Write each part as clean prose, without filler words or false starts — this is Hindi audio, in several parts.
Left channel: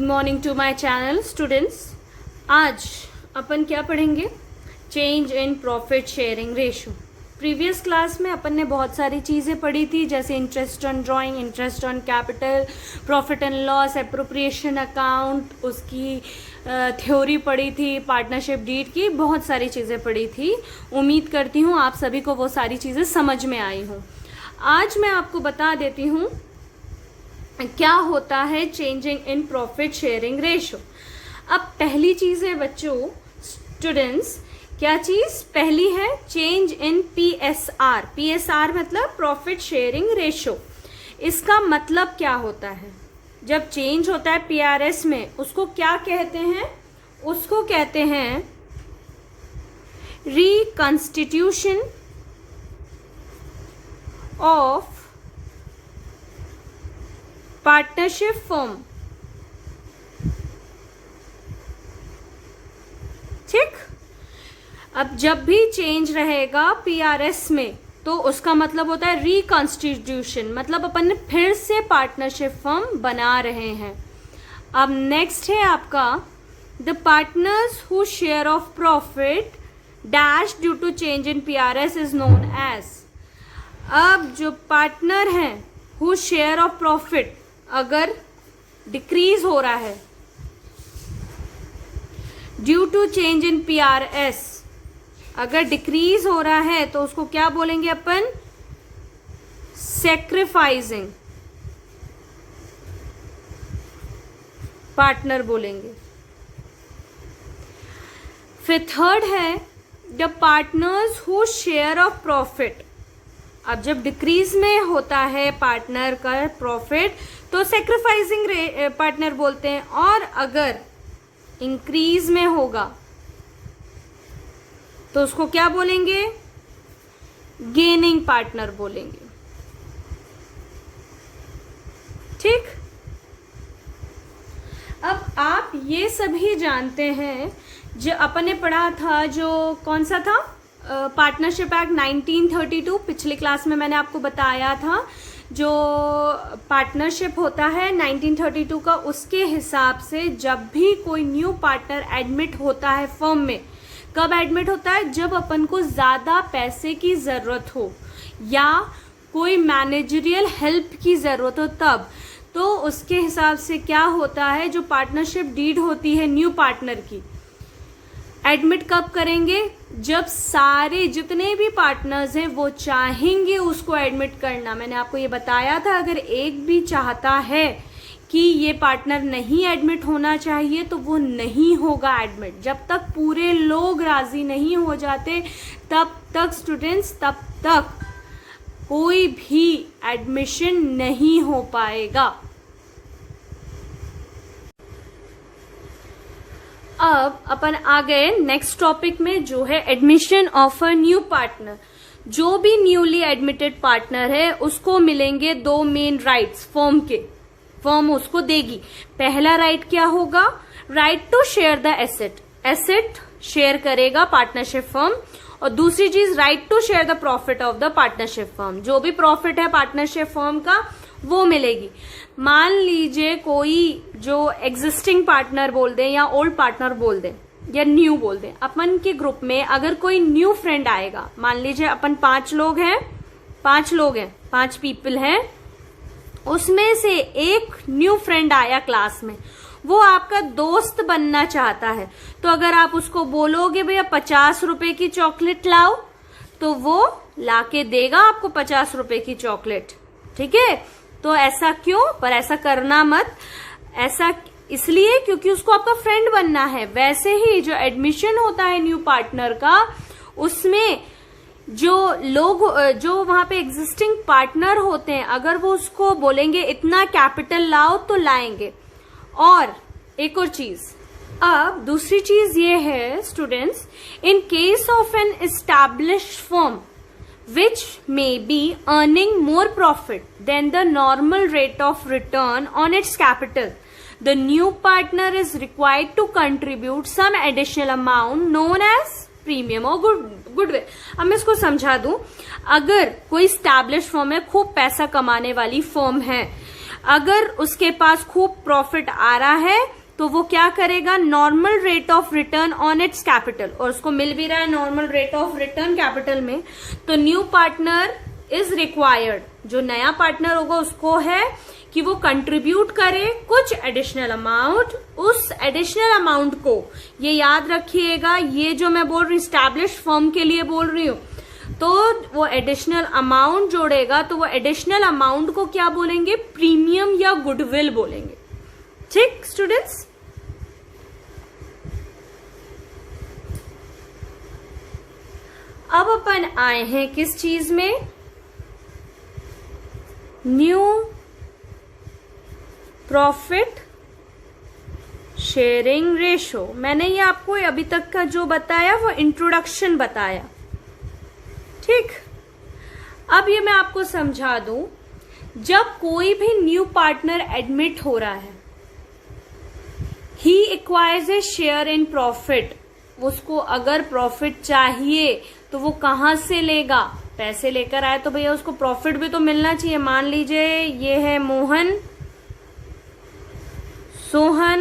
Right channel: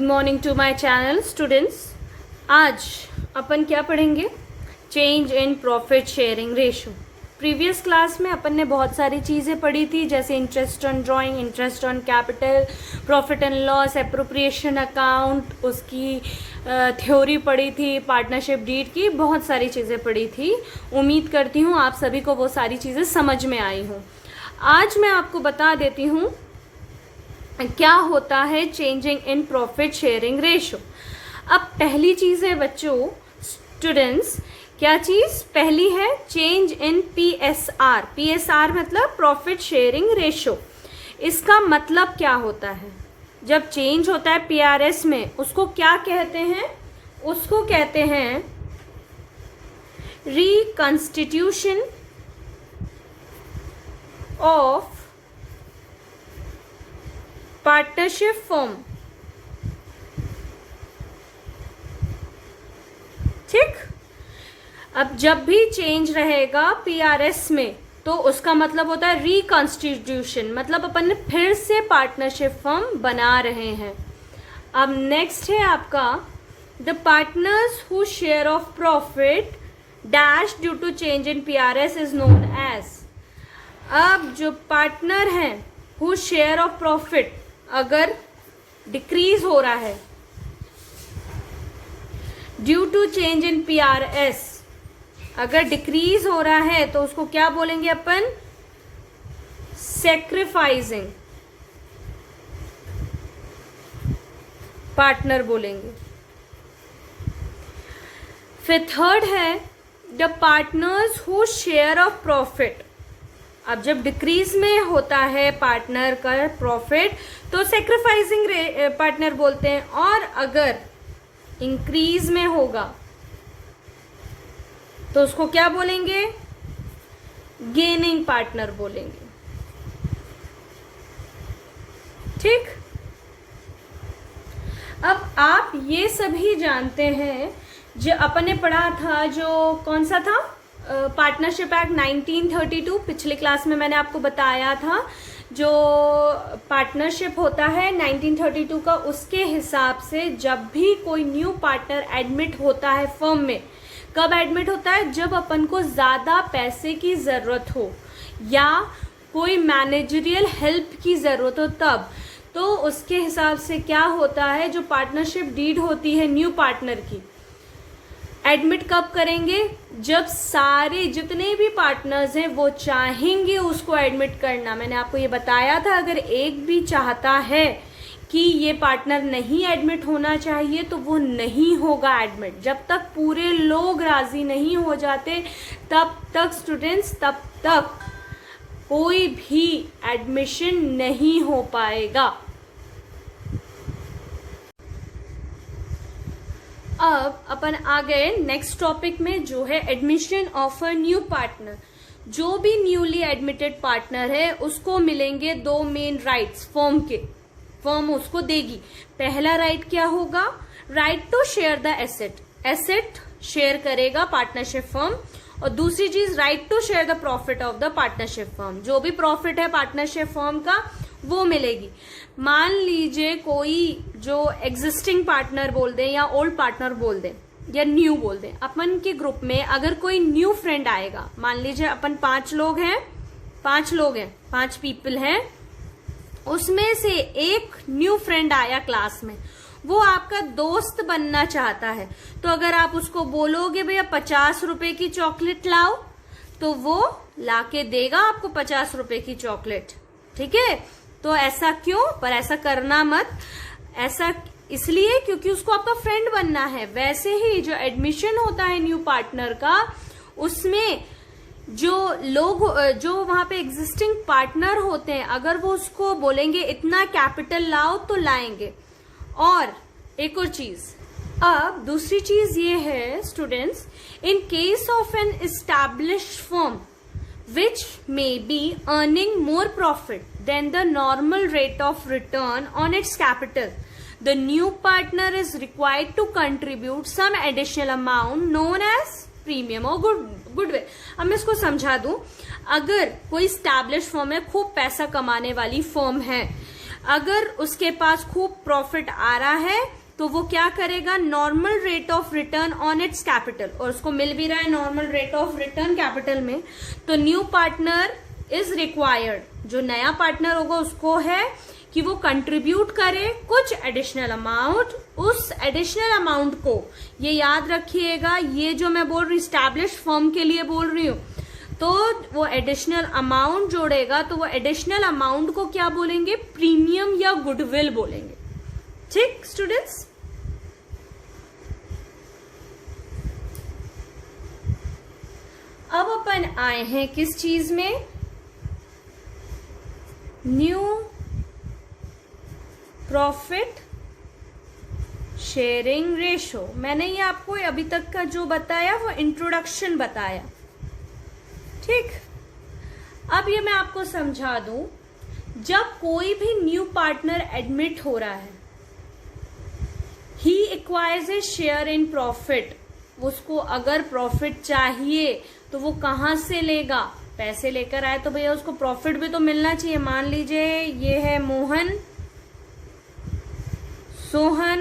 Good morning to my channel students. आज अपन क्या पढ़ेंगे? Change in profit sharing ratio. Previous class में अपन ने बहुत सारी चीजें पढ़ी थी, जैसे interest on drawing, interest on capital, profit and loss, appropriation account, उसकी थ्योरी पढ़ी थी, पार्टनरशिप डीड की, बहुत सारी चीजें पढ़ी थी। उम्मीद करती हूँ आप सभी को वो सारी चीजें समझ में आई हों। आज मैं आपको बता देती हूँ क्या होता है changing in profit sharing ratio. अब पहली चीज है बच्चों, स्टूडेंट्स, क्या चीज पहली है? Change in PSR। PSR मतलब प्रॉफिट शेयरिंग रेशो। इसका मतलब क्या होता है? जब चेंज होता है PRS में, उसको क्या कहते हैं? उसको कहते हैं रिकंस्टिट्यूशन ऑफ पार्टनरशिप फर्म। ठीक। अब जब भी चेंज रहेगा PRS में तो उसका मतलब होता है रिकॉन्स्टिट्यूशन, मतलब अपन ने फिर से पार्टनरशिप फर्म बना रहे हैं। अब नेक्स्ट है आपका the partners whose share of profit dash due to change in PRS is known as. अब जो पार्टनर हैं हु शेयर ऑफ प्रॉफिट अगर डिक्रीज हो रहा है due to change in PRS, अगर डिक्रीज हो रहा है तो उसको क्या बोलेंगे अपन? सैक्रिफाइसिंग पार्टनर बोलेंगे। फिर थर्ड है the partners whose share of profit. अब जब डिक्रीज में होता है पार्टनर का प्रॉफिट तो सैक्रिफाइसिंग पार्टनर बोलते हैं, और अगर इंक्रीज में होगा तो उसको क्या बोलेंगे? गेनिंग पार्टनर बोलेंगे। ठीक। अब आप ये सभी जानते हैं, जो अपन ने पढ़ा था, जो कौन सा था? Partnership act 1932। पिछले क्लास में मैंने आपको बताया था जो पार्टनरशिप होता है 1932 का, उसके हिसाब से जब भी कोई न्यू पार्टनर एडमिट होता है फर्म में, कब एडमिट होता है? जब अपन को ज्यादा पैसे की जरूरत हो या कोई मैनेजरियल हेल्प की जरूरत हो तब। तो उसके हिसाब से क्या होता है, जो पार्टनरशिप डीड होती है न्यू पार्टनर की, एडमिट कब करेंगे? जब सारे जितने भी पार्टनर्स हैं वो चाहेंगे उसको एडमिट करना। मैंने आपको ये बताया था, अगर एक भी चाहता है कि ये पार्टनर नहीं एडमिट होना चाहिए तो वो नहीं होगा एडमिट। जब तक पूरे लोग राजी नहीं हो जाते तब तक स्टूडेंट्स, तब तक कोई भी एडमिशन नहीं हो पाएगा। अब अपन आ गए नेक्स्ट टॉपिक में, जो है admission of a new partner. जो भी न्यूली एडमिटेड पार्टनर है उसको मिलेंगे दो मेन राइट्स फर्म के, फर्म उसको देगी। पहला राइट क्या होगा? Right to share the asset. Asset share करेगा पार्टनरशिप फर्म। और दूसरी चीज, right to share the profit of the partnership firm. जो भी प्रॉफिट है पार्टनरशिप फर्म का वो मिलेगी। मान लीजिए कोई जो एग्जिस्टिंग पार्टनर बोल दें या ओल्ड पार्टनर बोल दें या न्यू बोल दें, अपन के ग्रुप में अगर कोई न्यू फ्रेंड आएगा, मान लीजिए अपन 5 लोग हैं, 5 पीपल हैं, उसमें से एक न्यू फ्रेंड आया क्लास में, वो आपका दोस्त बनना चाहता है, तो अगर आप उसको बोलोगे भैया 50 रुपए की चॉकलेट लाओ, तो वो लाके देगा आपको 50 रुपए की चॉकलेट। ठीक है। तो ऐसा क्यों? पर ऐसा करना मत। ऐसा इसलिए क्योंकि उसको आपका फ्रेंड बनना है। वैसे ही जो एडमिशन होता है न्यू पार्टनर का, उसमें जो लोग, जो वहां पे एग्जिस्टिंग पार्टनर होते हैं, अगर वो उसको बोलेंगे इतना कैपिटल लाओ तो लाएंगे। और एक और चीज, अब दूसरी चीज ये है students, in case of an established firm which may be earning more profit than the normal rate of return on its capital, the new partner is required to contribute some additional amount known as premium or goodwill। अब मैं इसको समझा दूं, अगर कोई established फर्म है, खूब पैसा कमाने वाली फर्म है, अगर उसके पास खूब प्रॉफिट आ रहा है तो वो क्या करेगा, normal rate of return on it's capital, और उसको मिल भी रहा है normal rate of return capital में, तो न्यू पार्टनर इज रिक्वायर्ड, जो नया पार्टनर होगा उसको है कि वो कंट्रीब्यूट करे कुछ एडिशनल अमाउंट। उस एडिशनल अमाउंट को, ये याद रखिएगा, ये जो मैं बोल रही हूँ स्टैब्लिश्ड फर्म के लिए बोल रही हूँ, तो वो एडिशनल अमाउंट जोड़ेगा, तो वो एडिशनल अमाउंट को क्या बोलेंगे, प्रीमियम या गुडविल बोलेंगे। ठीक स्टूडेंट्स, अब अपन आए हैं किस चीज में, न्यू प्रॉफिट शेयरिंग रेशो। मैंने ये आपको अभी तक का जो बताया वो इंट्रोडक्शन बताया। ठीक, अब ये मैं आपको समझा दूं, जब कोई भी न्यू पार्टनर एडमिट हो रहा है, he acquires a share in profit, उसको अगर प्रॉफिट चाहिए तो वो कहां से लेगा, पैसे लेकर आए तो भैया उसको प्रॉफिट भी तो मिलना चाहिए। मान लीजिए ये है मोहन, सोहन,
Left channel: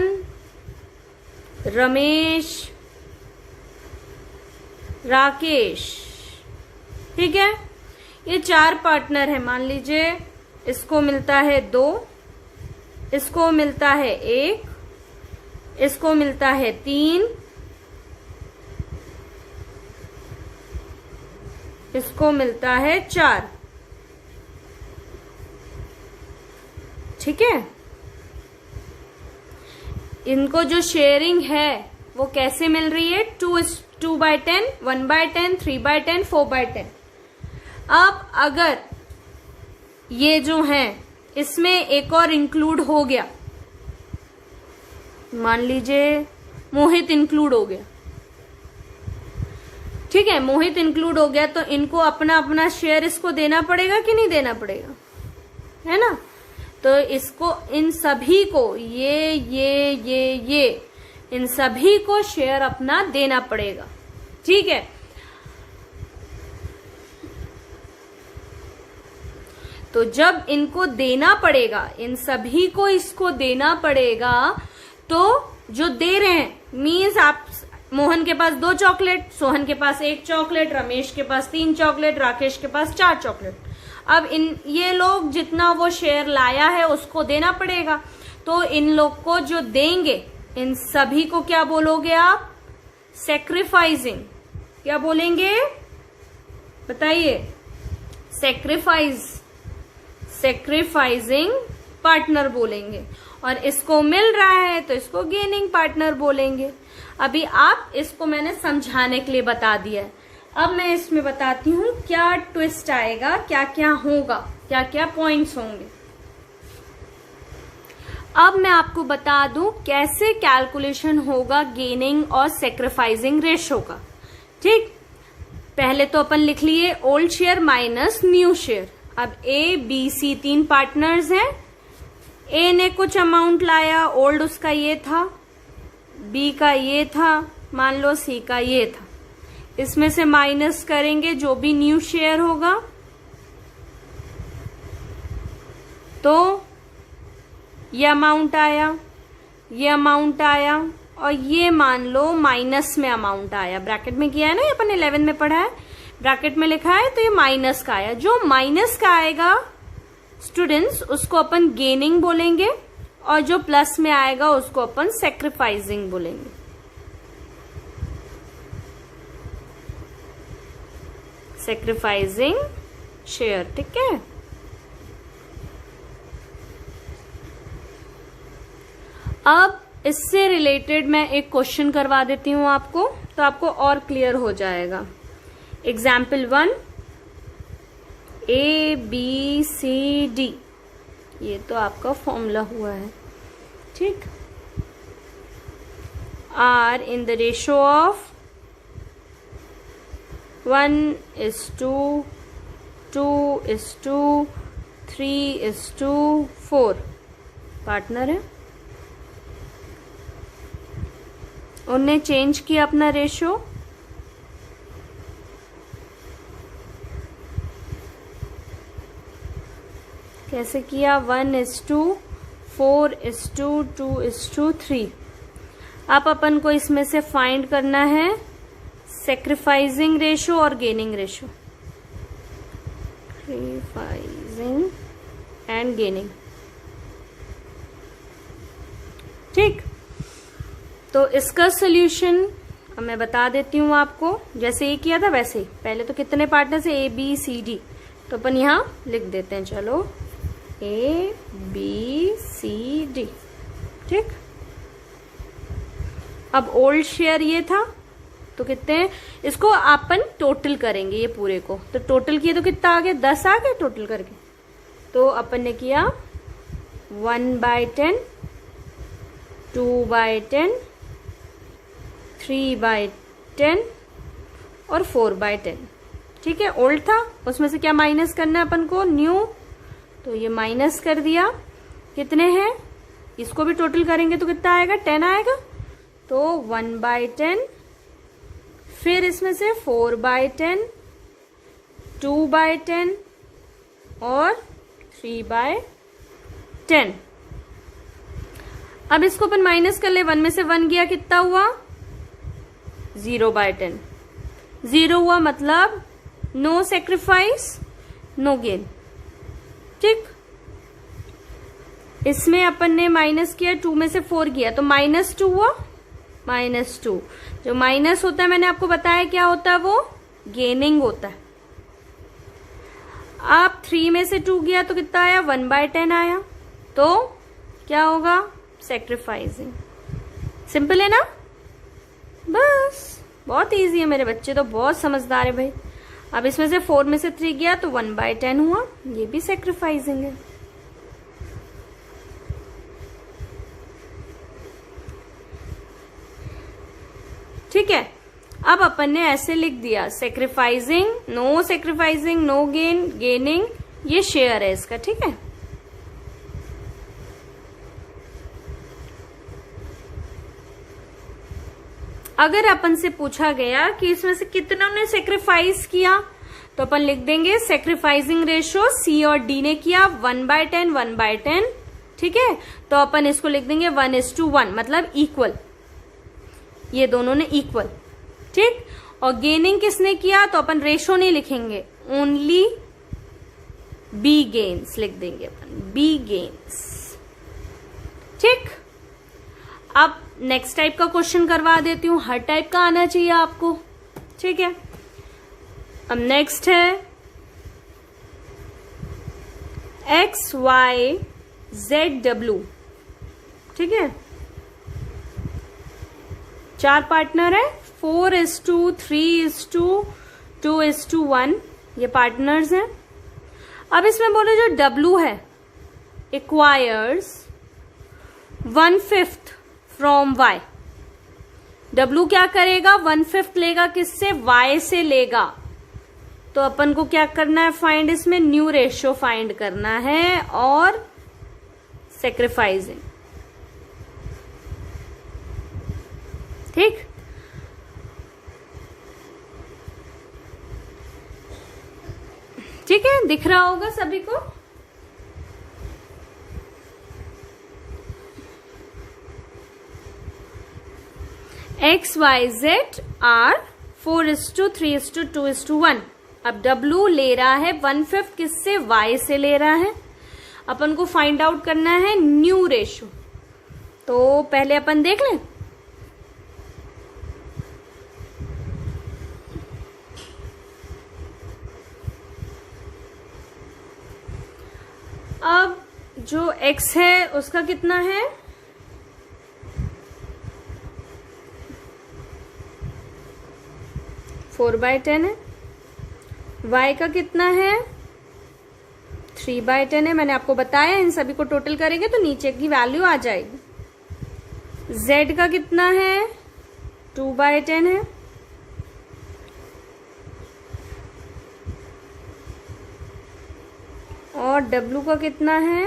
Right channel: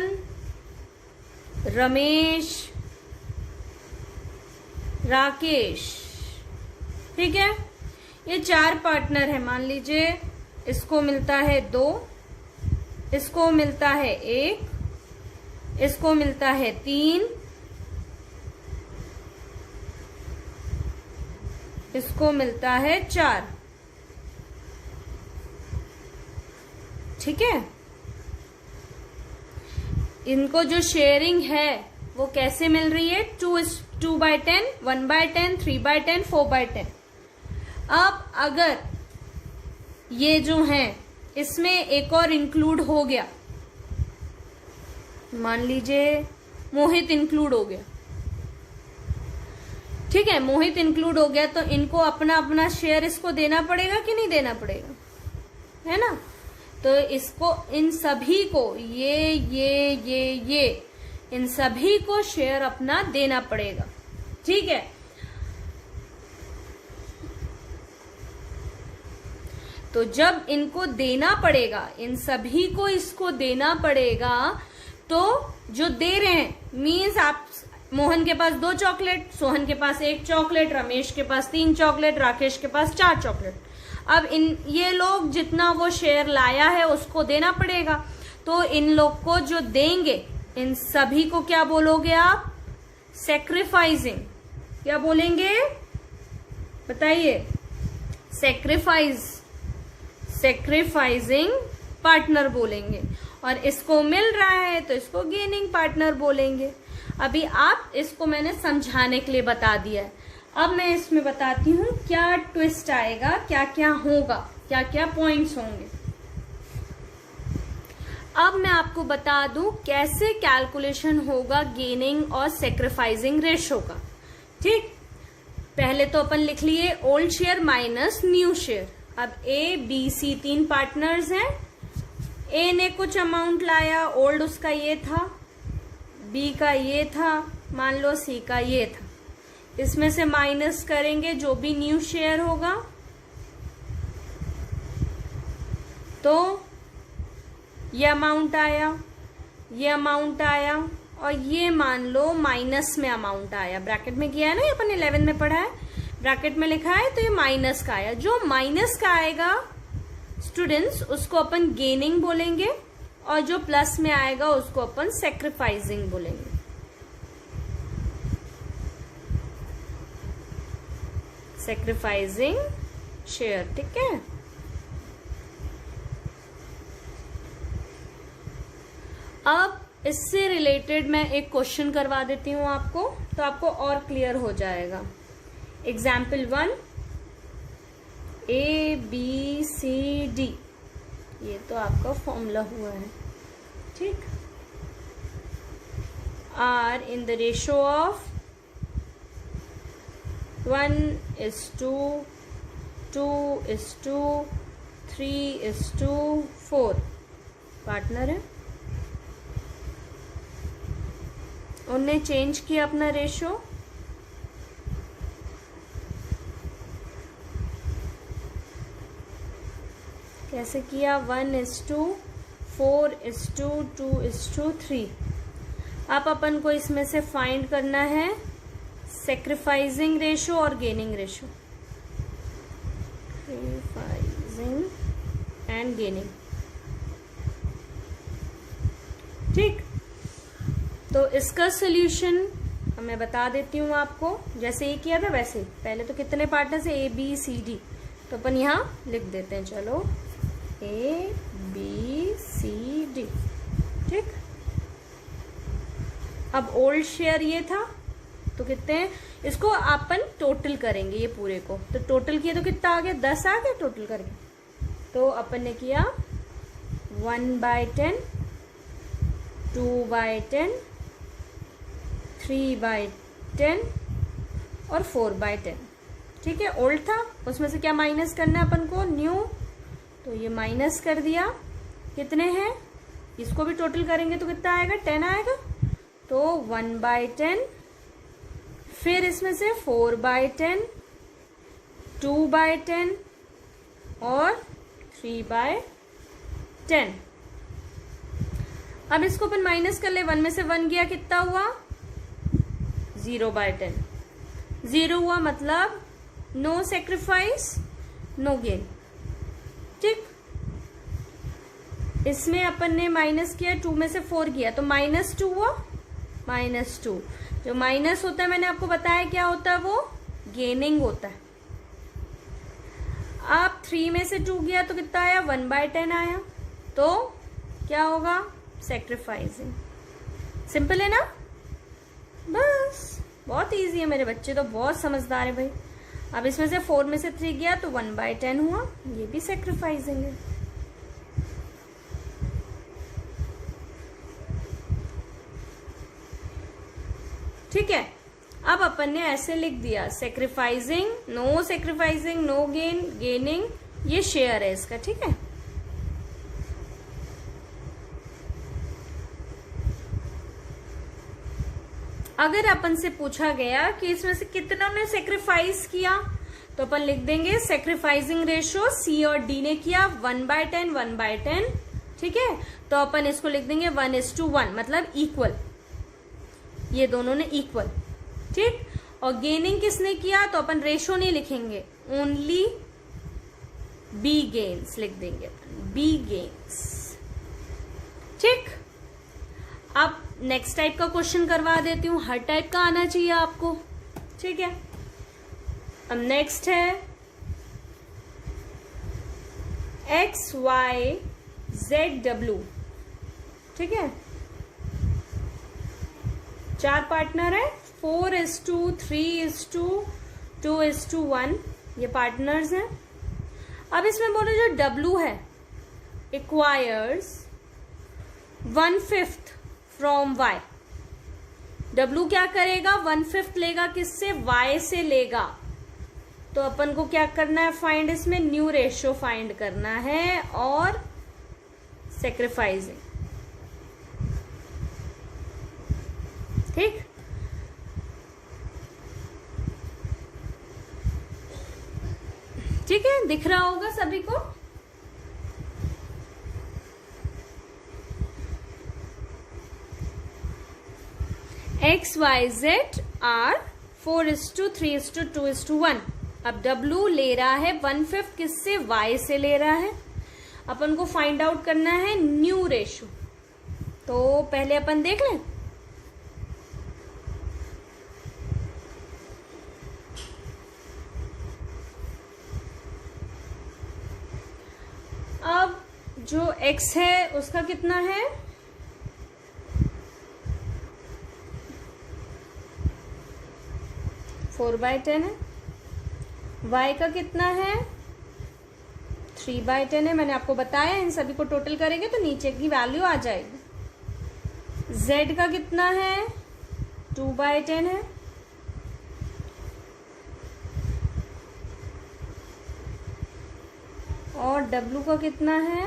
रमेश, राकेश, ठीक है, ये 4 पार्टनर है। मान लीजिए इसको मिलता है 2, इसको मिलता है 1, इसको मिलता है 3, इसको मिलता है 4। ठीक है, इनको जो शेयरिंग है वो कैसे मिल रही है, 2/10, 1/10, 3/10, 4/10। अब अगर ये जो है इसमें एक और इंक्लूड हो गया, मान लीजिए मोहित इंक्लूड हो गया, ठीक है, मोहित इंक्लूड हो गया, तो इनको अपना अपना शेयर इसको देना पड़ेगा कि नहीं देना पड़ेगा, है ना। तो इसको, इन सभी को, ये इन सभी को शेयर अपना देना पड़ेगा। ठीक है, तो जब इनको देना पड़ेगा, इन सभी को इसको देना पड़ेगा, तो जो दे रहे हैं मीन्स आप, मोहन के पास 2 चॉकलेट, सोहन के पास 1 चॉकलेट, रमेश के पास 3 चॉकलेट, राकेश के पास 4 चॉकलेट। अब ये लोग जितना वो शेयर लाया है उसको देना पड़ेगा, तो इन लोग को जो देंगे, इन सभी को क्या बोलोगे आप, सैक्रिफाइसिंग। क्या बोलेंगे बताइए, सैक्रिफाइसिंग पार्टनर बोलेंगे। और इसको मिल रहा है तो इसको गेनिंग पार्टनर बोलेंगे। अभी आप इसको मैंने समझाने के लिए बता दिया है। अब मैं इसमें बताती हूँ क्या ट्विस्ट आएगा, क्या क्या होगा, क्या क्या पॉइंट्स होंगे। अब मैं आपको बता दूं कैसे कैलकुलेशन होगा गेनिंग और सैक्रिफाइसिंग रेशो का। ठीक, पहले तो अपन लिख लिए old share minus new share. अब ए बी सी 3 पार्टनर्स हैं। ए ने कुछ अमाउंट लाया, ओल्ड उसका ये था, बी का ये था, मान लो सी का ये था। इसमें से माइनस करेंगे जो भी न्यू शेयर होगा, तो ये अमाउंट आया, ये अमाउंट आया, और ये मान लो माइनस में अमाउंट आया। ब्रैकेट में किया है ना, अपन 11 में पढ़ा है, ब्रैकेट में लिखा है, तो ये माइनस का आया। जो माइनस का आएगा स्टूडेंट्स, उसको अपन गेनिंग बोलेंगे, और जो प्लस में आएगा उसको अपन सैक्रिफाइसिंग बोलेंगे। सैक्रिफाइसिंग शेयर, ठीक है। अब इससे रिलेटेड मैं एक क्वेश्चन करवा देती हूं आपको, तो आपको और क्लियर हो जाएगा। Example 1, A B C D, ये तो आपका फॉर्मूला हुआ है, ठीक। Are in the ratio of 1:2, 2:2, 3:4 partner है। उनने चेंज किया अपना रेशो, कैसे किया, 1:4:2:3। अब अपन को इसमें से फाइंड करना है सेक्रीफाइसिंग रेशो और gaining ratio, sacrificing and gaining. ठीक, तो इसका सोल्यूशन मैं बता देती हूँ आपको, जैसे ये किया था वैसे ही। पहले तो कितने पार्टनर्स है, ABCD, तो अपन यहाँ लिख देते हैं, चलो ABCD। ठीक, अब ओल्ड शेयर ये था, तो कितने हैं, इसको अपन टोटल करेंगे ये पूरे को, तो टोटल किए तो कितना आ गया, 10 आ गया टोटल करके। तो अपन ने किया 1/10, 2/10, 3/10 और 4/10। ठीक है, ओल्ड था, उसमें से क्या माइनस करना है अपन को, न्यू, तो ये माइनस कर दिया। कितने हैं, इसको भी टोटल करेंगे तो कितना आएगा, 10 आएगा, तो 1/10, फिर इसमें से 4/10, 2/10 और 3/10। अब इसको अपन माइनस कर ले, 1 में से 1 गया, कितना हुआ, 0/10। 0 हुआ मतलब नो सेक्रीफाइस नो गेन। ठीक, इसमें अपन ने माइनस किया, 2 में से 4 किया तो -2 हुआ, -2। जो माइनस होता है मैंने आपको बताया क्या होता है, वो गेनिंग होता है। आप 3 में से 2 गया तो कितना आया, 1/10 आया, तो क्या होगा, सेक्रीफाइसिंग। सिंपल है ना, बस बहुत इजी है, मेरे बच्चे तो बहुत समझदार है भाई। अब इसमें से 4 में से 3 गया तो 1/10 हुआ, ये भी सेक्रीफाइसिंग है। ठीक है, अब अपन ने ऐसे लिख दिया, sacrificing, no sacrificing, no gain, gaining, ये शेयर है इसका। ठीक है, अगर अपन से पूछा गया कि इसमें से कितनों ने सेक्रीफाइस किया, तो अपन लिख देंगे सेक्रीफाइसिंग रेशो C और D ने किया 1/10, 1/10। ठीक है, तो अपन इसको लिख देंगे 1:1, मतलब इक्वल, ये दोनों ने इक्वल। ठीक, और गेनिंग किसने किया, तो अपन रेशो नहीं लिखेंगे, ओनली B गेन्स लिख देंगे अपन, B गेन्स। ठीक, अब नेक्स्ट टाइप का क्वेश्चन करवा देती हूँ, हर टाइप का आना चाहिए आपको। ठीक है, अब नेक्स्ट है XYZW। ठीक है, 4 पार्टनर है, 4:3:2:1, ये पार्टनर्स हैं। अब इसमें बोले जो W है, एक्वायर्स 1/5 फ्रॉम Y। W क्या करेगा, 1/5 लेगा, किससे, Y से लेगा। तो अपन को क्या करना है, फाइंड, इसमें न्यू रेशियो फाइंड करना है और सेक्रीफाइसिंग। ठीक, ठीक है, दिख रहा होगा सभी को। XYZ are 4:3:2:1। अब W ले रहा है 1/5, किससे, Y से ले रहा है। अपन को फाइंड आउट करना है न्यू रेशो, तो पहले अपन देख लें। अब जो X है उसका कितना है, 4/10 है। Y का कितना है, 3/10 है। मैंने आपको बताया, इन सभी को टोटल करेंगे तो नीचे की वैल्यू आ जाएगी। Z का कितना है, 2/10 है। और W का कितना है,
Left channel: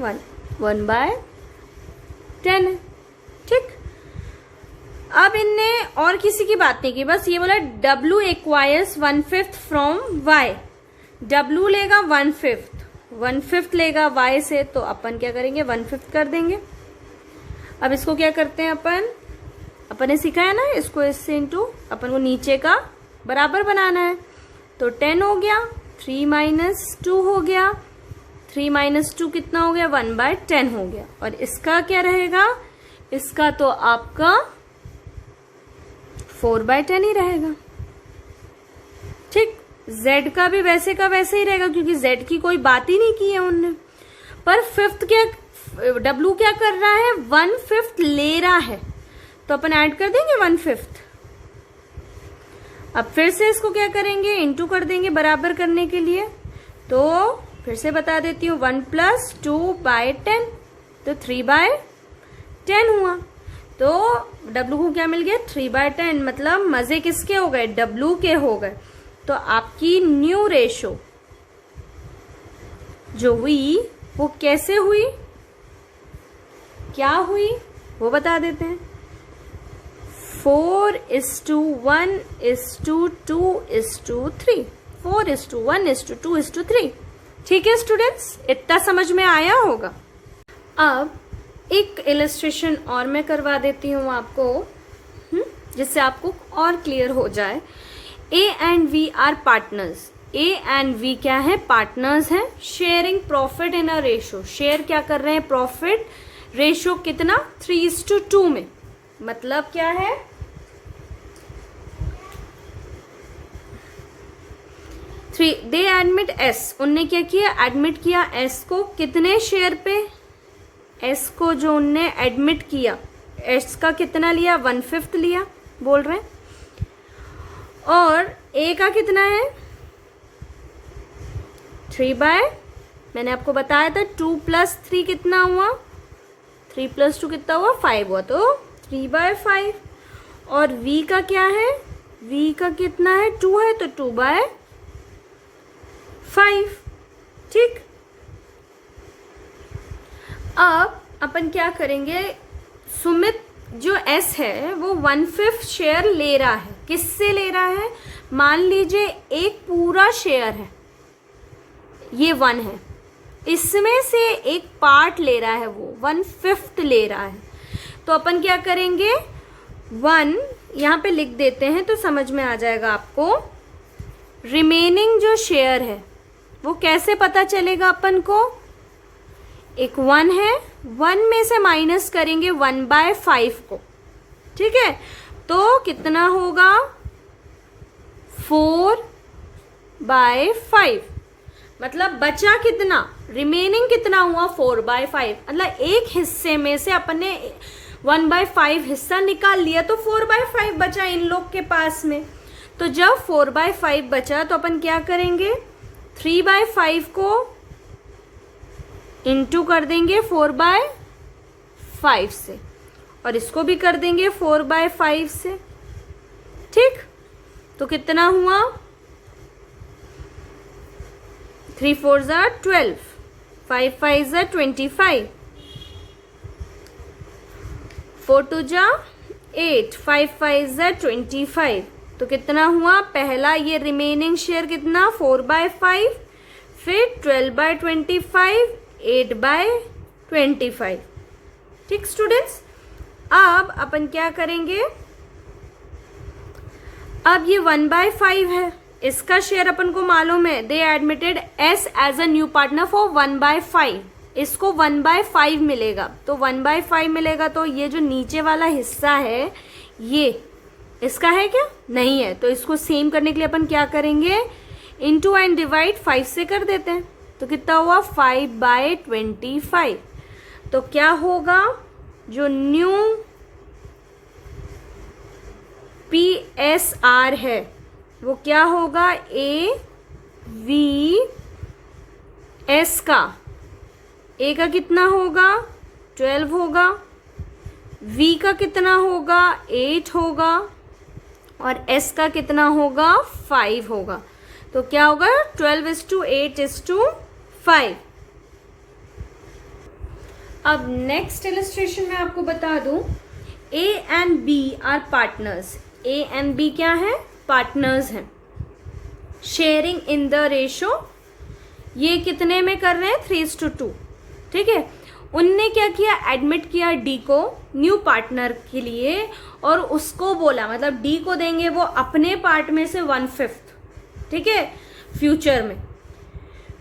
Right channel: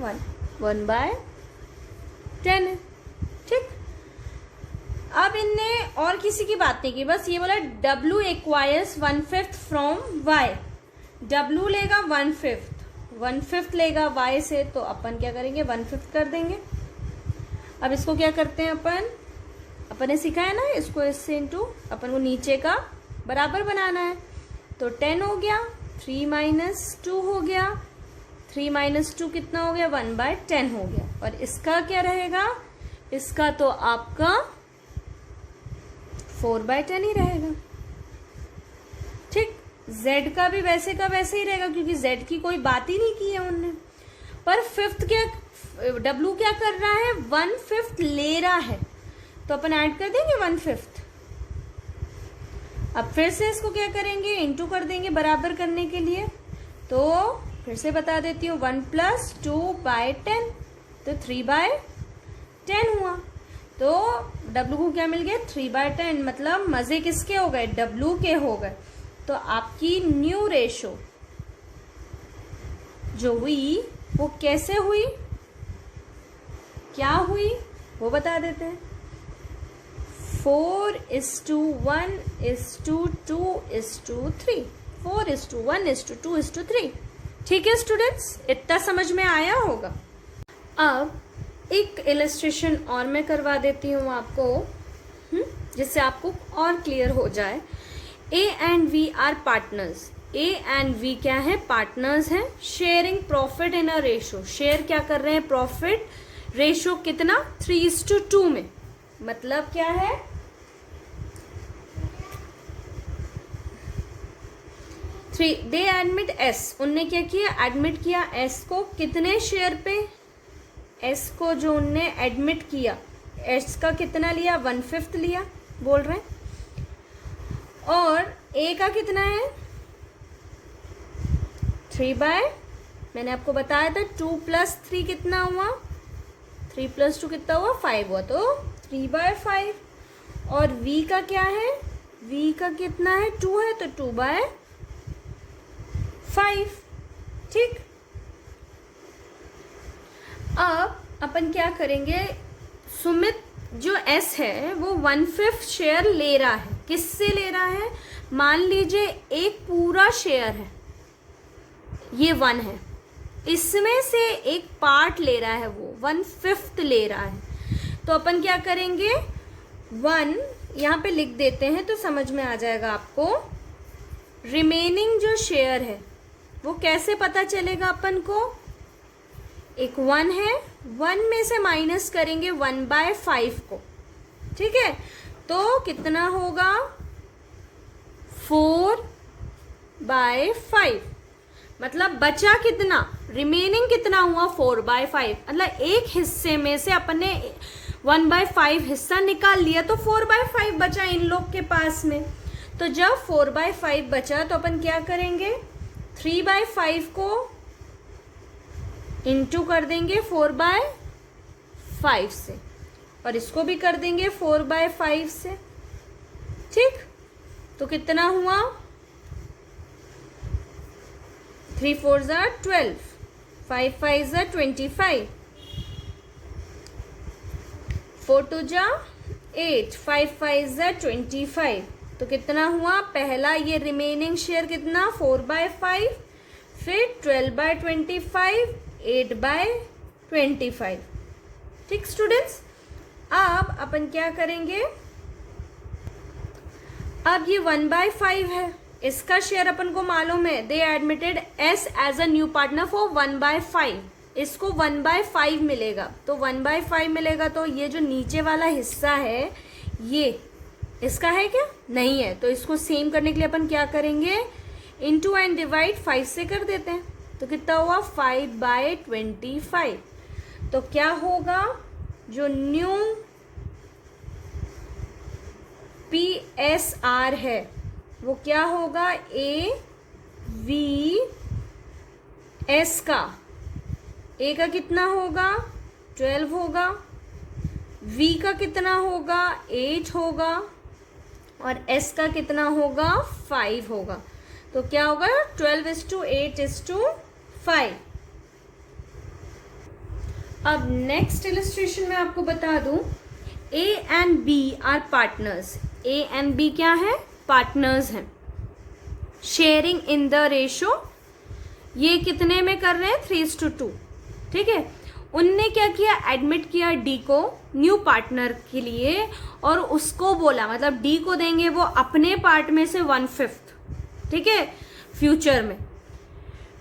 1/10 है। ठीक, अब इनने और किसी की बात नहीं की, बस ये बोला W acquires 1/5 from Y। W लेगा 1/5, 1/5 लेगा y से, तो अपन क्या करेंगे 1/5 कर देंगे। अब इसको क्या करते हैं अपन ने सीखा है ना, इसको इससे इंटू अपन को नीचे का बराबर बनाना है। तो 10 हो गया, 3 - 2 हो गया, 3 - 2 कितना हो गया 1/10 हो गया। और इसका क्या रहेगा, इसका तो आपका 4/10 ही रहेगा। ठीक, z का भी वैसे का वैसे ही रहेगा क्योंकि z की कोई बात ही नहीं की है उनने। पर फिफ्थ क्या, w क्या कर रहा है 1/5 ले रहा है, तो अपन ऐड कर देंगे 1/5। अब फिर से इसको क्या करेंगे इंटू कर देंगे बराबर करने के लिए। तो फिर से बता देती हूँ 1 + 2/10, तो 3/10 हुआ। तो w को क्या मिल गया 3/10, मतलब मजे किसके हो गए w के हो गए। तो आपकी न्यू रेशो जो हुई वो कैसे हुई, क्या हुई वो बता देते हैं। 4:1:2:3, 4:1:2:3। ठीक है स्टूडेंट्स, इतना समझ में आया होगा। अब एक इलस्ट्रेशन और मैं करवा देती हूँ आपको, जिससे आपको और क्लियर हो जाए। A and V are partners. A and V क्या है, पार्टनर्स हैं। Sharing profit in a ratio, share क्या कर रहे हैं प्रॉफिट, रेशो कितना 3:2 में। मतलब क्या है, दे एडमिट S, उनने क्या किया एडमिट किया S को कितने शेयर पे, S को जो उनने एडमिट किया S का कितना लिया 1/5 लिया बोल रहे हैं। और A का कितना है 3 मैंने आपको बताया था 2 + 3 कितना हुआ, 3 + 2 कितना हुआ 5 हुआ, तो 3/5। और V का क्या है, V का कितना है 2 है, तो 2/5। ठीक, अब अपन क्या करेंगे, सुमित जो S है वो 1/5 शेयर ले रहा है। किससे ले रहा है, मान लीजिए एक पूरा शेयर है, ये 1 है, इसमें से एक पार्ट ले रहा है, वो 1/5 ले रहा है। तो अपन क्या करेंगे 1 यहाँ पे लिख देते हैं तो समझ में आ जाएगा आपको। रिमेनिंग जो शेयर है वो कैसे पता चलेगा अपन को, एक 1 है, 1 में से माइनस करेंगे 1/5 को। ठीक है, तो कितना होगा 4/5, मतलब बचा कितना, रिमेनिंग कितना हुआ 4/5। मतलब एक हिस्से में से अपन ने 1/5 हिस्सा निकाल लिया, तो 4/5 बचा इन लोग के पास में। तो जब 4/5 बचा तो अपन क्या करेंगे 3/5 को इंटू कर देंगे 4/5 से, और इसको भी कर देंगे 4/5 से। ठीक, तो कितना हुआ 3 × 4 = 12, 5 × 5 = 25, 4 × 2 = 8, 5 × 5 = 25। तो कितना हुआ, पहला ये रिमेनिंग शेयर कितना 4/5, फिर 12/25, 8/25। ठीक स्टूडेंट्स, अब अपन क्या करेंगे, अब ये 1/5 है, इसका शेयर अपन को मालूम है, they admitted S as a new partner for 1/5, इसको 1/5 मिलेगा। तो 1/5 मिलेगा, तो ये जो नीचे वाला हिस्सा है ये इसका है क्या, नहीं है, तो इसको सेम करने के लिए अपन क्या करेंगे इंटू एंड डिवाइड 5 से कर देते हैं। तो कितना हुआ 5/25। तो क्या होगा, जो न्यू PSR है वो क्या होगा, AVS का, A का कितना होगा 12 होगा, V का कितना होगा 8 होगा, और S का कितना होगा 5 होगा। तो क्या होगा 12:8:5। अब नेक्स्ट इलस्ट्रेशन में आपको बता दूं, A and B are partners. A and B क्या है, पार्टनर्स हैं। शेयरिंग इन द रेशो, ये कितने में कर रहे हैं, 3:2। ठीक है, उनने क्या किया, एडमिट किया डी को न्यू पार्टनर के लिए और उसको बोला, मतलब डी को देंगे वो अपने पार्ट में से 1/5, ठीक है, फ्यूचर में,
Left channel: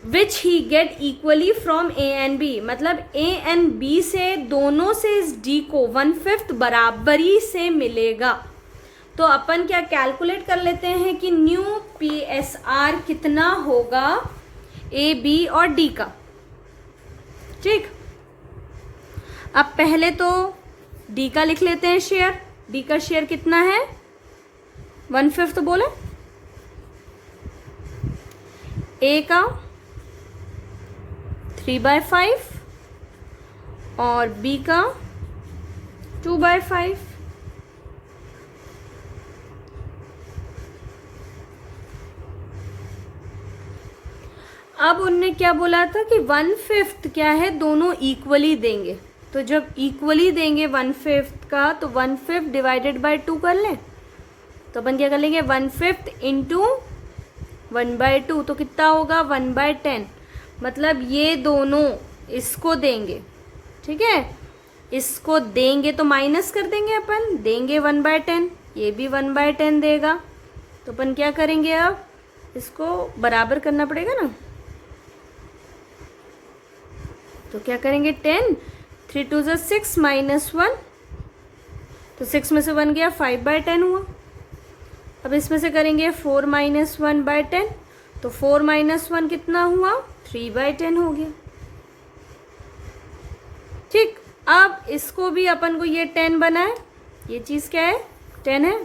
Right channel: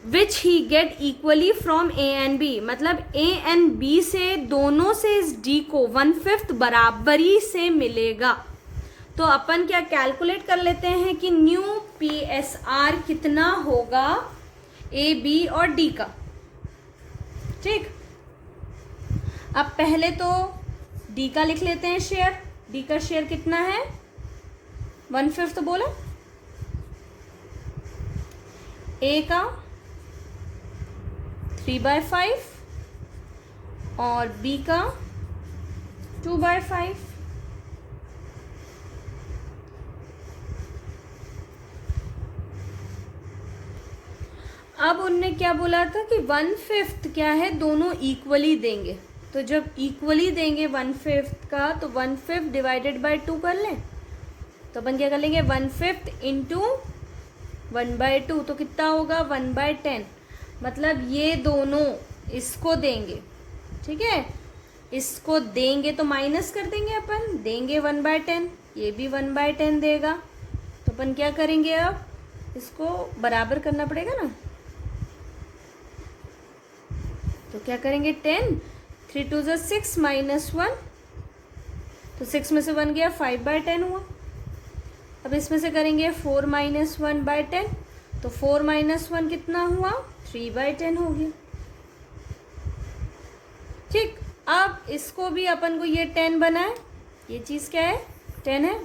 which he get equally from A and B, मतलब ए एंड बी से दोनों से इस डी को 1/5 बराबरी से मिलेगा। तो अपन क्या कैलकुलेट कर लेते हैं कि न्यू PSR कितना होगा ए बी और डी का। ठीक, अब पहले तो डी का लिख लेते हैं शेयर। डी का शेयर कितना है, 1/5 तो बोले, ए का 3/5 और बी का 2/5। अब उनने क्या बोला था कि 1/5 क्या है, दोनों इक्वली देंगे। तो जब इक्वली देंगे 1/5 का, तो 1/5 डिवाइडेड बाय 2 कर लें। तो अपन क्या कर लेंगे, 1/5 इंटू 1/2, तो कितना होगा, 1/10। मतलब ये दोनों इसको देंगे, ठीक है, इसको देंगे तो माइनस कर देंगे अपन, देंगे 1/10, ये भी 1/10 देगा। तो अपन क्या करेंगे, अब इसको बराबर करना पड़ेगा ना। तो क्या करेंगे, 10, 3 2 6 -1, तो 6 में से 1 गया, 5/10 हुआ। अब इसमें से करेंगे 4 - 1/10, तो 4 - 1 कितना हुआ, 3/10 हो गया। ठीक, अब इसको भी अपन को ये 10 बनाए, ये चीज क्या है, 10 है,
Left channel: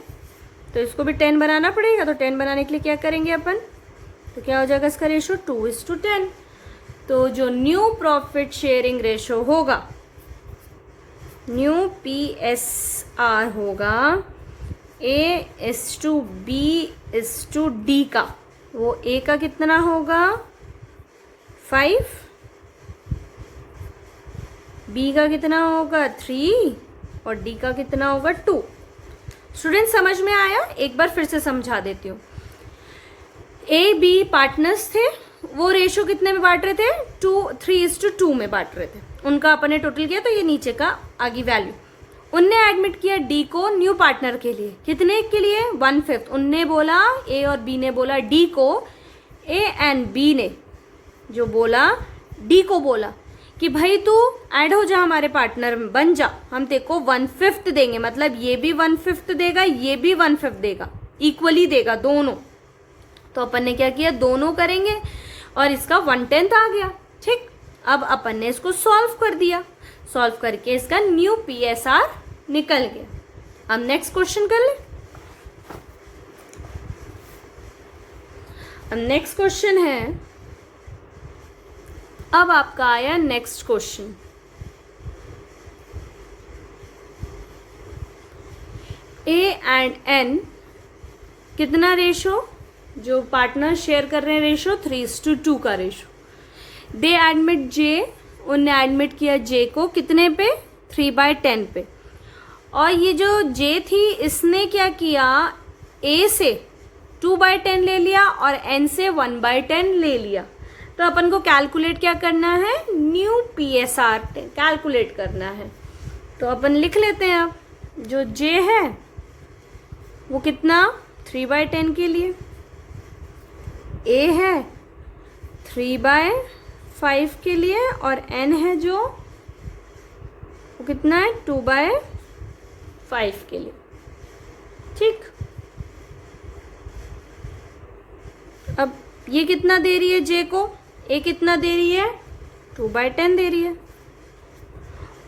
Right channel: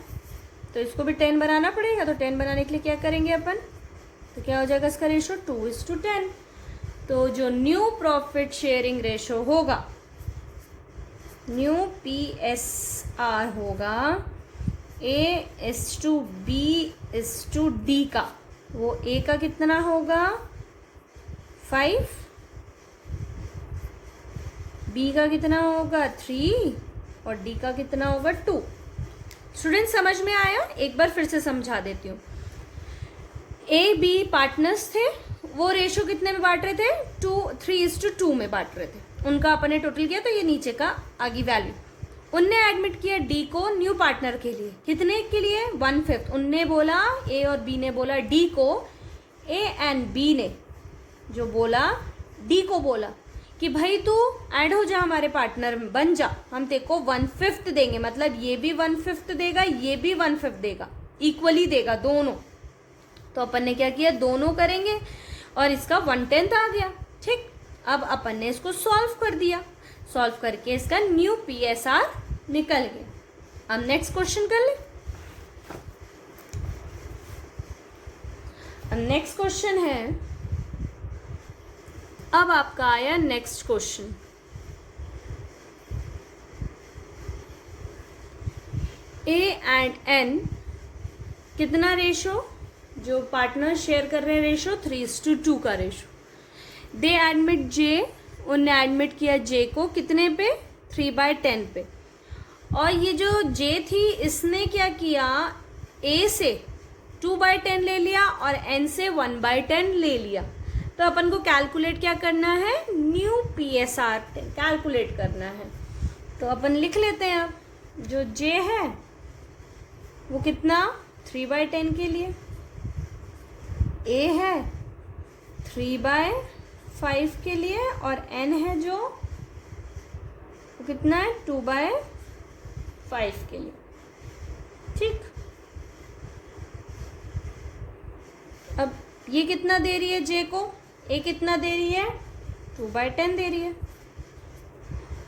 तो इसको भी 10 बनाना पड़ेगा। तो 10 बनाने के लिए क्या करेंगे अपन, तो क्या हो जाएगा इसका रेशो, 2:10। तो जो न्यू प्रॉफिट शेयरिंग रेशो होगा, न्यू PSR होगा A:B:D का, वो A का कितना होगा, 5, B का कितना होगा, 3 और D का कितना होगा, 2। स्टूडेंट समझ में आया, एक बार फिर से समझा देती हूँ। A-B पार्टनर्स थे, वो रेशो कितने में बांट रहे थे, 3:2 में बांट रहे थे। उनका अपने टोटल किया, तो ये नीचे का आगे वैल्यू। उनने एडमिट किया डी को न्यू पार्टनर के लिए, कितने के लिए, 1/5। उनने बोला, ए और बी ने बोला डी को, ए एंड बी ने जो बोला डी को बोला कि भाई तू ऐड हो जा हमारे पार्टनर में, बन जा, हम तेरे को 1/5 देंगे। मतलब ये भी 1/5 देगा, ये भी 1/5 देगा, इक्वली देगा दोनों। तो अपन ने क्या किया, दोनों करेंगे और इसका 1/10 आ गया। ठीक, अब अपन ने इसको सॉल्व कर दिया, सॉल्व करके इसका न्यू PSR निकल गया। अब नेक्स्ट क्वेश्चन कर ले। अब नेक्स्ट क्वेश्चन है, अब आपका आया next question, A and N कितना रेशो, जो पार्टनर शेयर कर रहे हैं रेशो 3:2 का रेशो। दे एडमिट J, उनने एडमिट किया J को कितने पे, 3/10 पे। और ये जो J थी, इसने क्या किया, A से 2/10 ले लिया और N से 1/10 ले लिया। तो अपन को कैलकुलेट क्या करना है, न्यू PSR कैलकुलेट करना है। तो अपन लिख लेते हैं, अब जो J है वो कितना, 3/10 के लिए, A है 3/5 के लिए और N है जो वो कितना है, 2/5 के लिए। ठीक, अब ये कितना दे रही है J को, A कितना दे रही है, 2/10 दे रही है,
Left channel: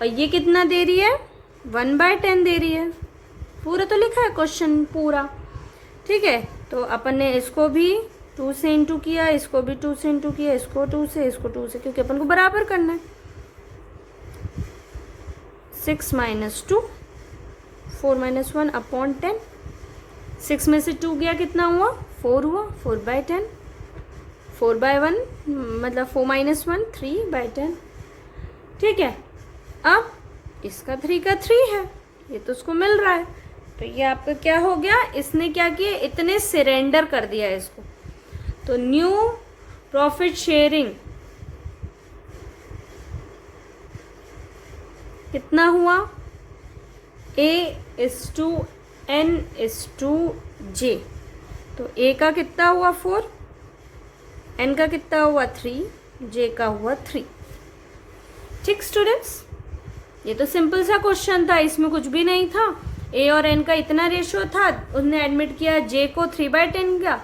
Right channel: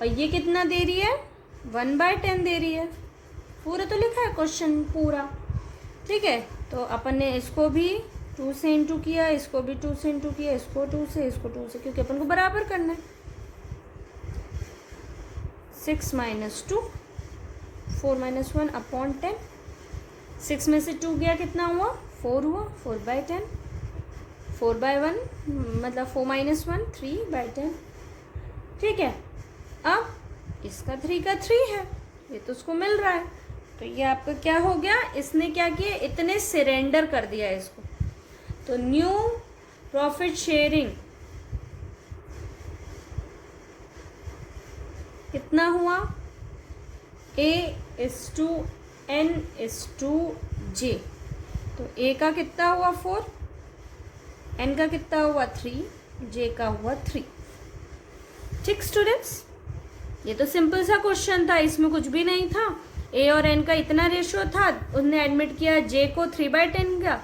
और ये कितना दे रही है, 1/10 दे रही है। पूरा तो लिखा है क्वेश्चन पूरा, ठीक है। तो अपन ने इसको भी 2 से इंटू किया, इसको भी 2 से इंटू किया, इसको 2 से, इसको 2 से, क्योंकि अपन को बराबर करना है। 6 - 2, 4 - 1/10। 6 में से 2 गया, कितना हुआ, 4 हुआ, 4/10, 4/1 मतलब 4 - 1 3/10। ठीक है, अब इसका 3 का 3 है, ये तो उसको मिल रहा है। तो ये आपका क्या हो गया, इसने क्या किया, इतने सरेंडर कर दिया इसको। तो न्यू प्रॉफिट शेयरिंग कितना हुआ, A/N/J। तो A का कितना हुआ 4, N का कितना हुआ 3, J का हुआ 3। ठीक स्टूडेंट्स, ये तो सिंपल सा क्वेश्चन था, इसमें कुछ भी नहीं था। A और N का इतना रेशियो था, उसने एडमिट किया J को 3/10 का,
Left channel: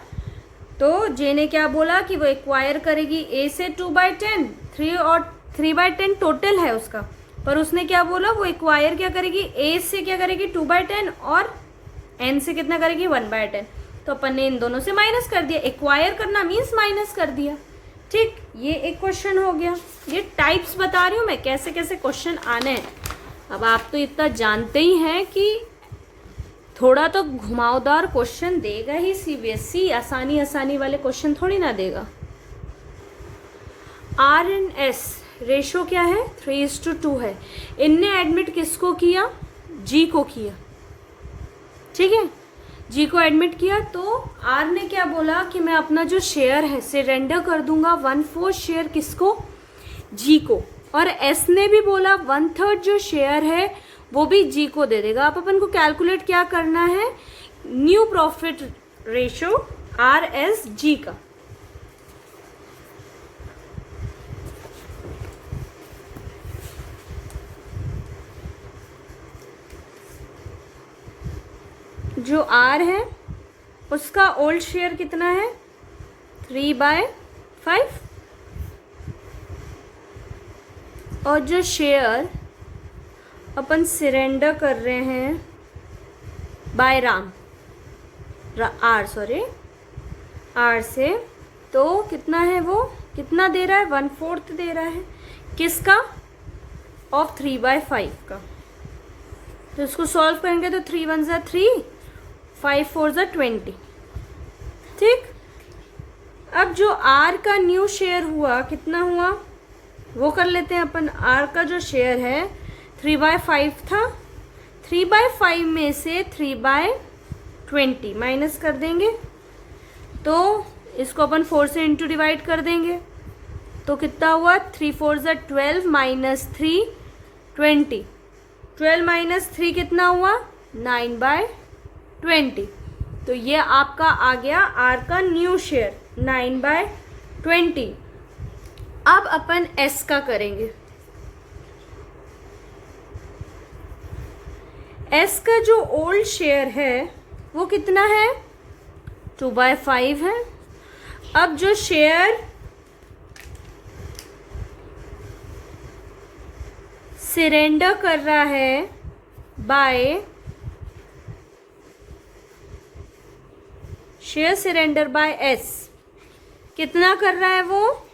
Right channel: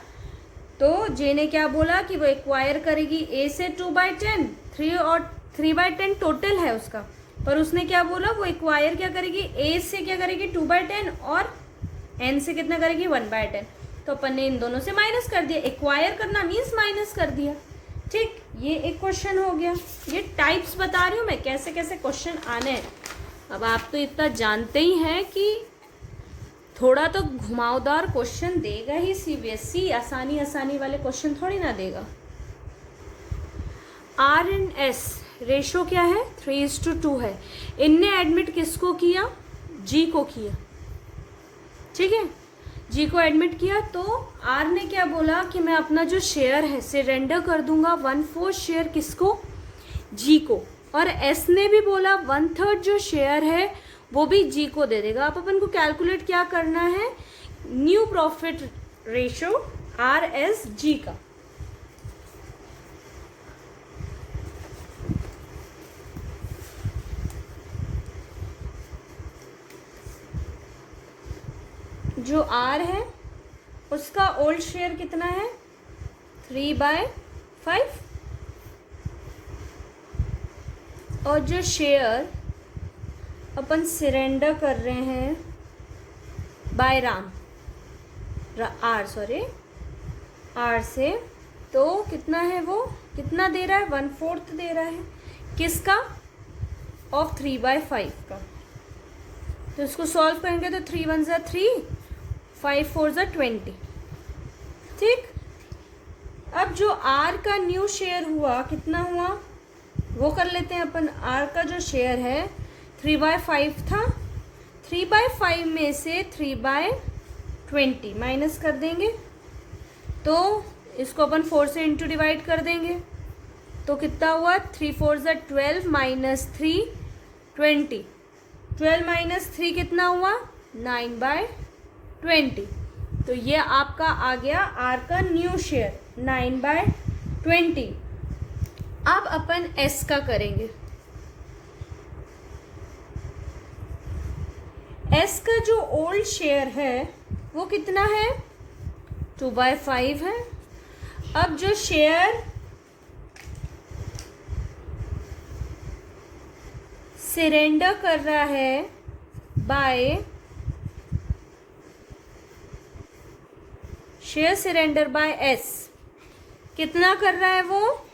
तो J ने क्या बोला कि वो एक्वायर करेगी A से 2/10, 3 और 3/10 टोटल है उसका, पर उसने क्या बोला, वो एक्वायर क्या करेगी, A से क्या करेगी 2/10 और N से कितना करेगी 1/10। तो अपन ने इन दोनों से माइनस कर दिया, एक्वायर करना मीन्स माइनस कर दिया। ठीक, ये एक क्वेश्चन हो गया। ये टाइप्स बता रही हूँ मैं, कैसे कैसे क्वेश्चन आने हैं। अब आप तो इतना जानते ही हैं कि थोड़ा तो घुमावदार क्वेश्चन देगा ही सीबीएसई, आसानी वाले क्वेश्चन थोड़ी ना देगा। R/S रेशो क्या है, 3:2 है। इनने एडमिट किसको किया, जी को किया। ठीक है, जी को एडमिट किया, तो आर ने क्या बोला कि मैं अपना जो शेयर है सरेंडर कर दूंगा 1/4 शेयर किसको, जी को। और एस ने भी बोला 1/3 जो शेयर है वो भी जी को दे देगा। अब अपन को कैलकुलेट क्या करना है, न्यू प्रॉफिट रेशो RSG का। जो R है उसका ओल्ड शेयर कितना है, 3/5, और जो शेयर अपन सरेंडर कर रहे हैं बाय आर से, तो कितना है, वो कितना दे रहा है, 1/4 दे रहा है किसका, ऑफ 3/5 का। तो इसको सॉल्व करेंगे तो 3 1 ज़ा 3, 5 4 ज़ा 20। ठीक, अब जो आर का न्यू शेयर हुआ कितना हुआ वो कर लेते हैं अपन। आर का जो शेयर है 3/5 था, 3/5 में से 3/20 माइनस कर देंगे, तो इसको अपन 4 से इंटू डिवाइड कर देंगे, तो कितना हुआ, 3 4 ज़ा 12 माइनस 3 20, 12 माइनस 3 कितना हुआ, 9/20। तो ये आपका आ गया आर का न्यू शेयर 9/20। अब अपन एस का करेंगे। एस का जो ओल्ड शेयर है वो कितना है, 2/5 है। अब जो शेयर सरेंडर कर रहा है by share surrender by S, कितना कर रहा है वो,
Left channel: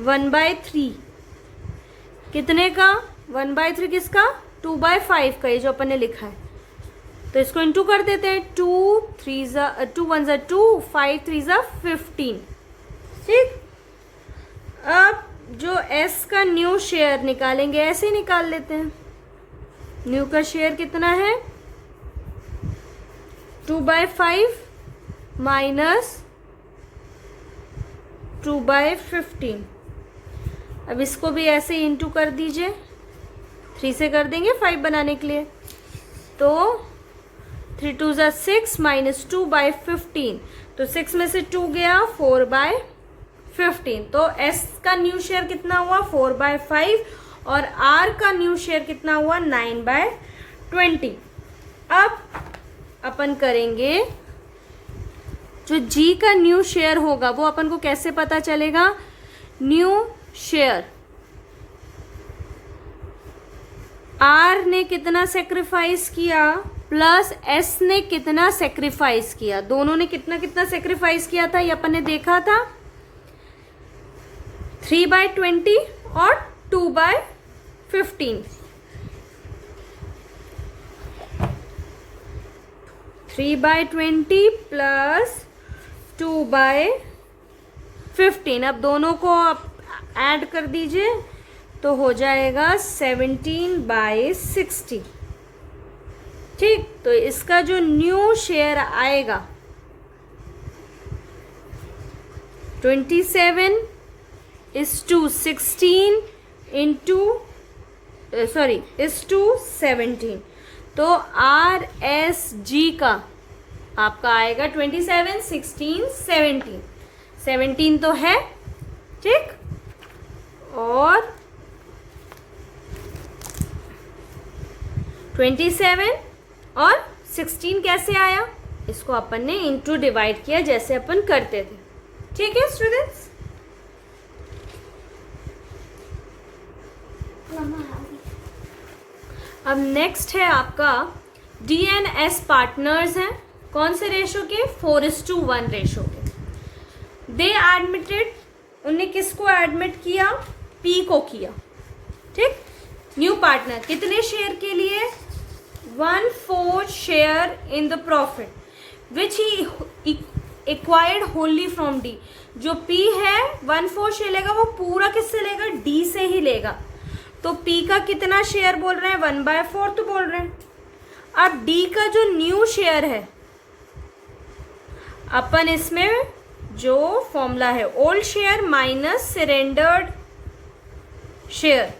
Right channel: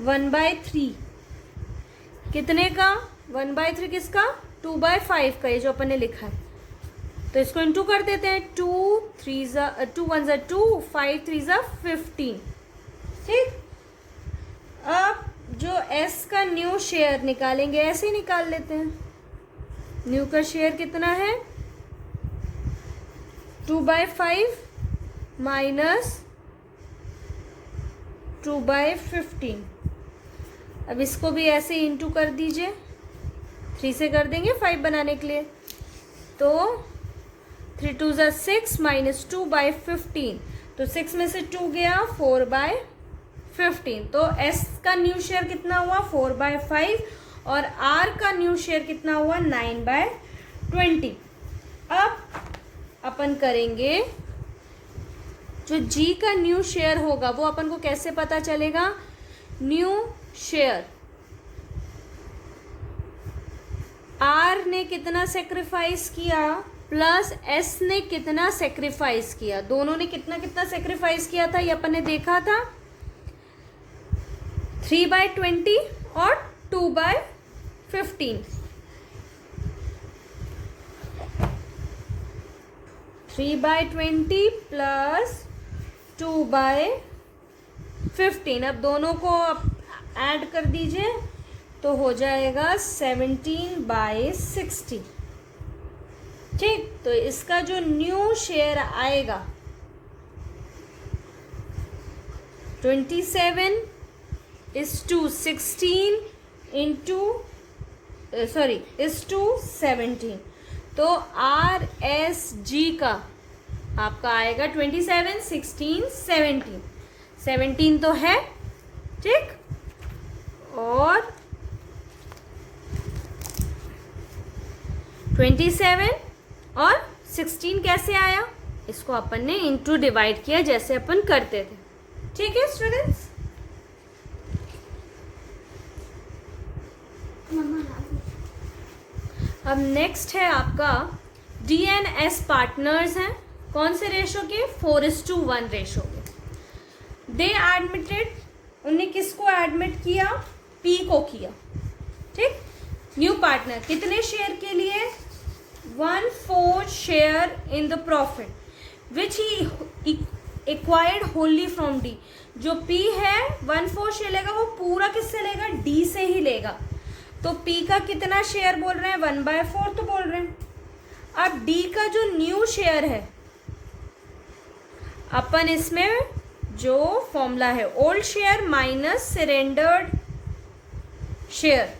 1/3। कितने का, 1/3 किसका, 2/5 का, ये जो अपन ने लिखा है। तो इसको इंटू कर देते हैं, 2 1 ज़ा 2, 5 3 ज़ा 15। ठीक, अब जो एस का न्यू शेयर निकालेंगे, ऐसे ही निकाल लेते हैं। न्यू का शेयर कितना है, 2/5 माइनस 2/15। अब इसको भी ऐसे इंटू कर दीजिए, 3 से कर देंगे 5 बनाने के लिए, तो 3 2 ज़ा 6 माइनस 2/15, तो 6 में से 2 गया, 4/15। तो एस का न्यू शेयर कितना हुआ, 4/5, और आर का न्यू शेयर कितना हुआ, 9/20। अब अपन करेंगे जो जी का न्यू शेयर होगा वो अपन को कैसे पता चलेगा, न्यू शेयर आर ने कितना सेक्रीफाइस किया प्लस एस ने कितना सेक्रीफाइस किया, दोनों ने कितना कितना सेक्रीफाइस किया था, ये अपन ने देखा था, 3/20 और 2/15। 3/20 प्लस 2/15। अब दोनों को ऐड कर दीजिए तो हो जाएगा 17/60। ठीक, तो इसका जो न्यू शेयर आएगा 27 is to 16 into is to 17। तो RSG का आपका आएगा 27, 16, 17। 17 तो है, ठीक, और 27 और 16 कैसे आया, इसको अपन ने इंटू डिवाइड किया जैसे अपन करते थे। ठीक है स्टूडेंट्स, अब नेक्स्ट है आपका DNS पार्टनर्स हैं, कौन से रेशो के, 4:1 रेशो के। दे एडमिटेड, उन्हें किसको एडमिट किया, P को किया, ठीक। न्यू पार्टनर कितने शेयर के लिए, 1/4 share in the profit which he acquired Holi from D। जो P है 1/4 शेयर लेगा, वो पूरा किससे लेगा, D से ही लेगा। तो P का कितना शेयर बोल रहे हैं, 1/4 तो बोल रहे हैं। अब D का जो न्यू शेयर है, अपन इसमें जो फॉर्मूला है, old share minus surrendered share,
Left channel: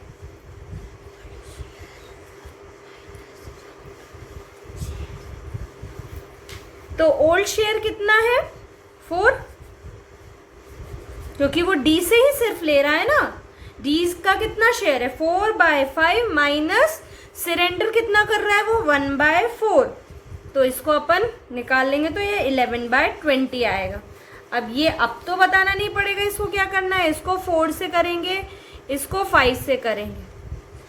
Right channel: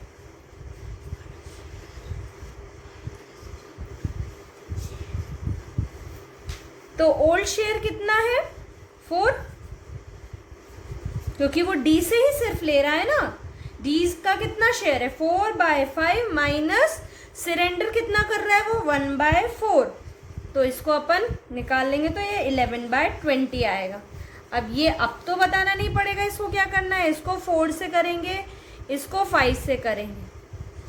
तो ओल्ड शेयर कितना है, 4, क्योंकि वो D से ही सिर्फ ले रहा है ना। D का कितना शेयर है, 4/5 माइनस सरेंडर कितना कर रहा है, वो 1/4। तो इसको अपन निकाल लेंगे तो ये 11/20 आएगा। अब ये अब तो बताना नहीं पड़ेगा इसको क्या करना है, इसको 4 से करेंगे, इसको 5 से करेंगे,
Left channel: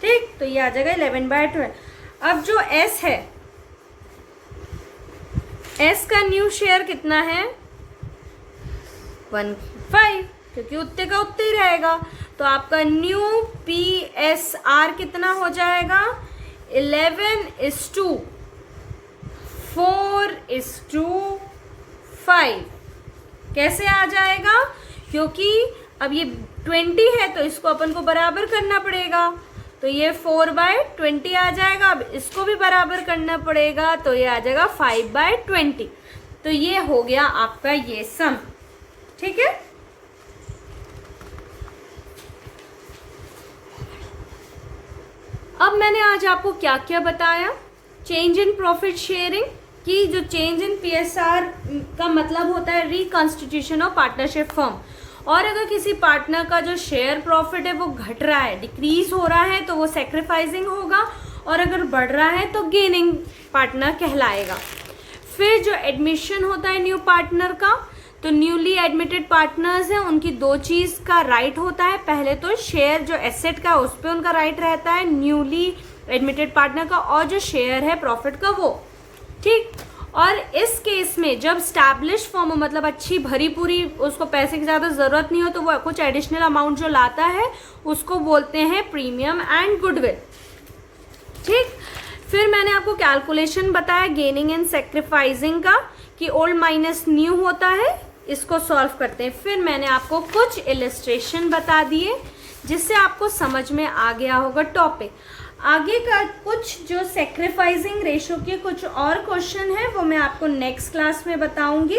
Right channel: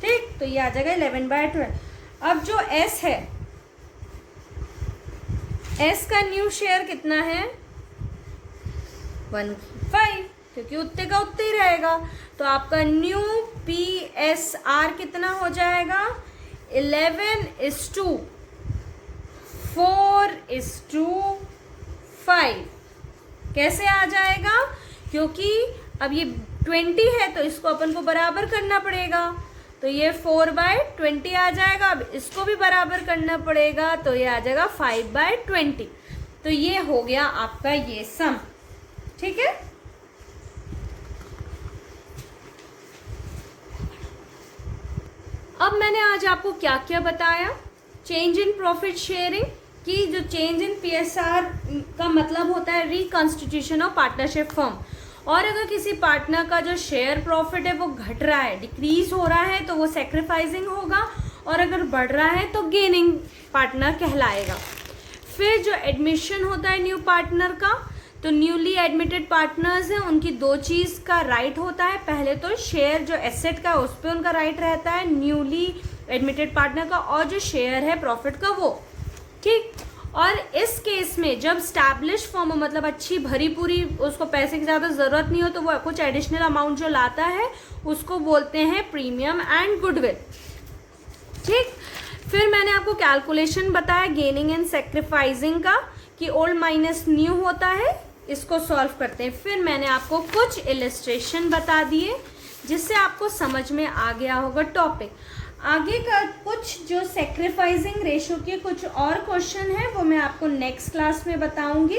ठीक। तो ये आ जाएगा 11/12। अब जो S है, S का न्यू शेयर कितना है, 1/5, क्योंकि उतने का उतने ही रहेगा। तो आपका न्यू PSR कितना हो जाएगा, 11:4:5। कैसे आ जाएगा, क्योंकि अब ये 20 है तो इसको अपन को बराबर करना पड़ेगा, तो ये 4/20 आ जाएगा। अब इसको भी बराबर करना पड़ेगा, तो ये आ जाएगा 5/20। तो ये हो गया आपका ये सम, ठीक है। अब मैंने आज आपको क्या क्या बताया, चेंज इन प्रॉफिट शेयरिंग की, जो चेंज इन PSR का मतलब होता है रिकॉन्स्टिट्यूशन ऑफ पार्टनरशिप फर्म। और अगर किसी पार्टनर का जो शेयर प्रॉफिट है वो घट रहा है, डिक्रीज हो रहा है, तो वो सैक्रिफाइसिंग होगा, और अगर बढ़ रहा है तो गेनिंग पार्टनर कहलाएगा। फिर जो एडमिशन होता है न्यू पार्टनर का, तो न्यूली एडमिटेड पार्टनर्स हैं, उनकी 2 चीज का राइट होता है। पहले तो शेयर जो एसेट का उस पर उनका राइट रहता है न्यूली एडमिटेड पार्टनर का, और जो शेयर है प्रॉफिट का वो, ठीक। और इस केस में जब स्टैब्लिश फॉर्म हो, मतलब अच्छी भरी पूरी, उसको पैसे की ज्यादा जरूरत नहीं हो, तो वो कुछ एडिशनल अमाउंट जो लाता है उसको बोलते हैं प्रीमियम एंड गुडविल, ठीक। फिर मैंने आपको कैलकुलेशन बताया गेनिंग एंड सेक्रीफाइसिंग का, कि ओल्ड माइनस न्यू होता है, इसको सॉल्व करते हैं। फिर मैंने आपको कुछ इलिस्ट्रेशन बता दिए जिससे आपको समझ में आ गया होगा टॉपिक। आगे का कुछ जो सेक्रीफाइसिंग रेशो के कुछ और क्वेश्चन है वो मैं आपको नेक्स्ट क्लास में बताऊंगी।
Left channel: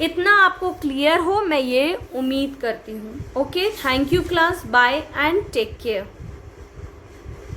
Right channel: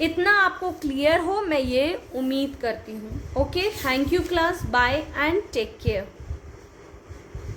इतना आपको क्लियर हो मैं ये उम्मीद करती हूँ। Okay, thank you class, bye and take care.